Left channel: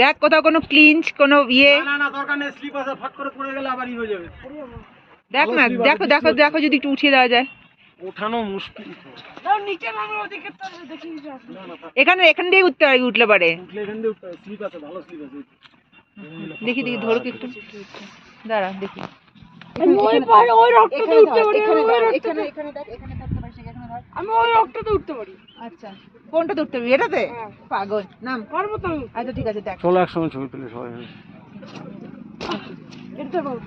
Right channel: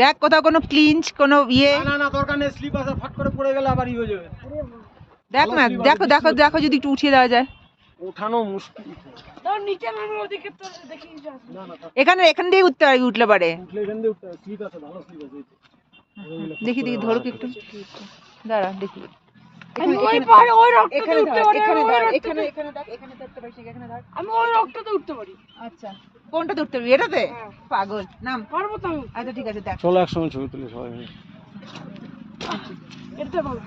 দেখ কোথাও কোনো ক্লিঞ্চ কোনো ইয়ে না না দরকার নেই, স্লিপ আছে, ফট করে পড়ে গেলে আবার হয়ে যাবে। দেখ না, দেখো দেখো দেখো যদি একটু উঠিয়ে দেওয়া যায়। ওঠানো মুশকিল। এখানে এখান দিয়ে উঠতে পারবি, উঠলে পারে। এখান দিয়ে উঠতে স্লিপ আছে, ভালো স্লিপ আছে। দেখি দেখি ধরুক একটু, দাঁড়া দেখি। আমি ওই পারে ওই রক্ততে উঠতে পারি, এখানে এখানে ধর, এখানে ধরতে পারিস, এখানে ধর। আমি ওই রক্ততে উঠতে পারি। আচ্ছা কোনটাতে উঠতে পারবি? এটাতে? পাগল নাম। পারবো তো আমি। আচ্ছা ঠিক আছে দেখ। চলো একসঙ্গে ছবি তুলি সবাই। উঠতে পারবো।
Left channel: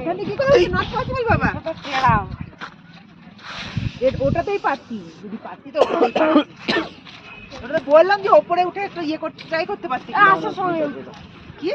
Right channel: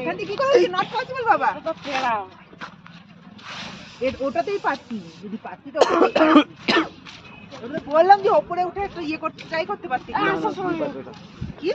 এখান থেকে কি করবি? নট পসিবল বাবা। তো খেলা। ওটাতেই পারতি, যদি পারতি তো ওটা বললাম যে ওপরে উঠে একটু ইয়ে করতে ট্রাই করতে পারতি। আচ্ছা সময় কি?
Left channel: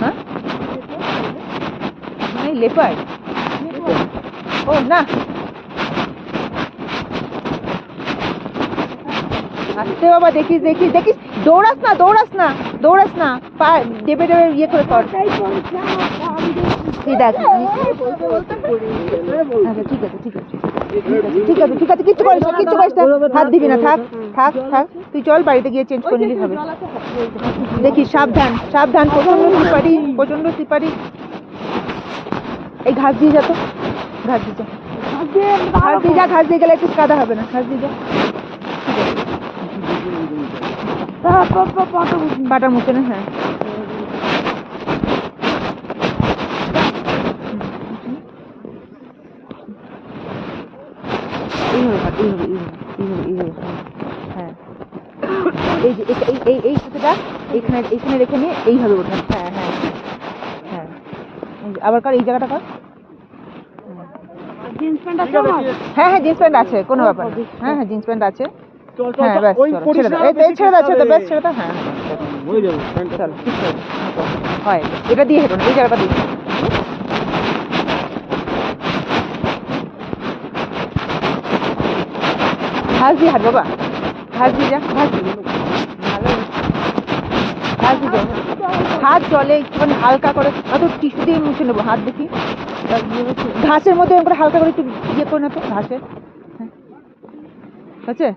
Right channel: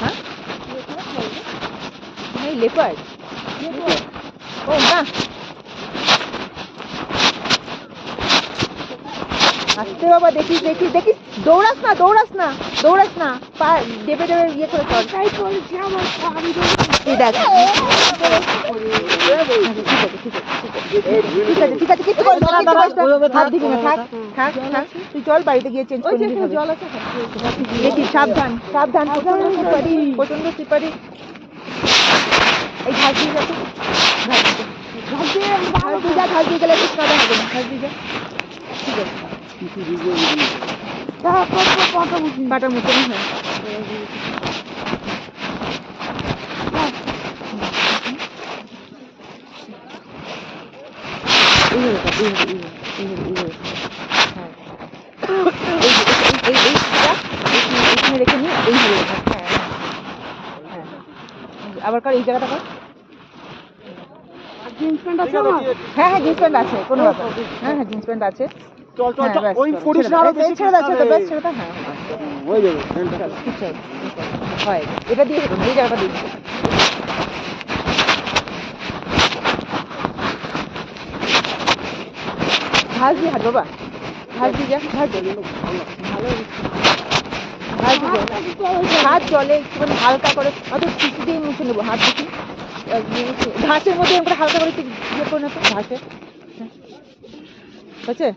হ্যাঁ? नहीं लेपर्ड। ओ ना আস্তে বাবা, দেখিস দেখিস দেখিস, দৌড়াস না দৌড়াস না দৌড়াস না, পা দেবে দেবে ইয়ে করে কর। তাই করছি আমার এই দেখ, ঠিক আছে ঠিক আছে, কিছু করিস না, কিছু করিস না, হাত দিবি না, থাক থাক থাক, তুই চল বাড়িতে গিয়ে চেঞ্জ করে নিবি হবে। দেখিস সাবধান সাবধান, প্রচন্ড সিপারি, প্রচন্ড সিপারি। এই ঘাস দিয়ে যা তো, ঘাস দিয়ে যা, ঘাস দিয়ে গেলে ঠিক কাদা হবে না, ঘাস দিয়ে যা। পাটার মতন, হ্যাঁ এখানে রেখে নিয়ে এইভাবে রেখে, হ্যাঁ হ্যাঁ হ্যাঁ, আবার কর এই জায়গাটা কর। জিন্স প্যান্ট আছে? হ্যাঁ হ্যাঁ জিন্স প্যান্ট আছে, কোনো ব্যাপার না। হ্যাঁ হ্যাঁ জিন্স প্যান্ট আছে। চল চল হ্যাঁ, ব্যাস, ওই চলো, করিস ছেড়ে না, দাও। আরো এই বেশি ছেড়ে দাও, ছেড়ে দাও, বেশ ছেড়ে দাও, হ্যাঁ হয়ে যাবে। চলো, কিছু হয় এটা দিয়ে হেঁটো না, এই জায়গাটা দিয়ে। ঘাস দিয়ে হাঁট বাবা, ঘাস দিয়ে যা, ঘাস দিয়ে হাত চলে একটুখানি হালকা করে, অত টিসু দিয়ে মুছে নেবো হাত দেখি। ঘাসের মধ্যে এরকম করে হালকা করে একটু ইয়ে করে নেবো ঘাসে, হচ্ছে?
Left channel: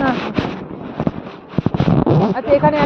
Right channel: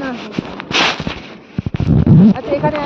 না আচ্ছা এখানে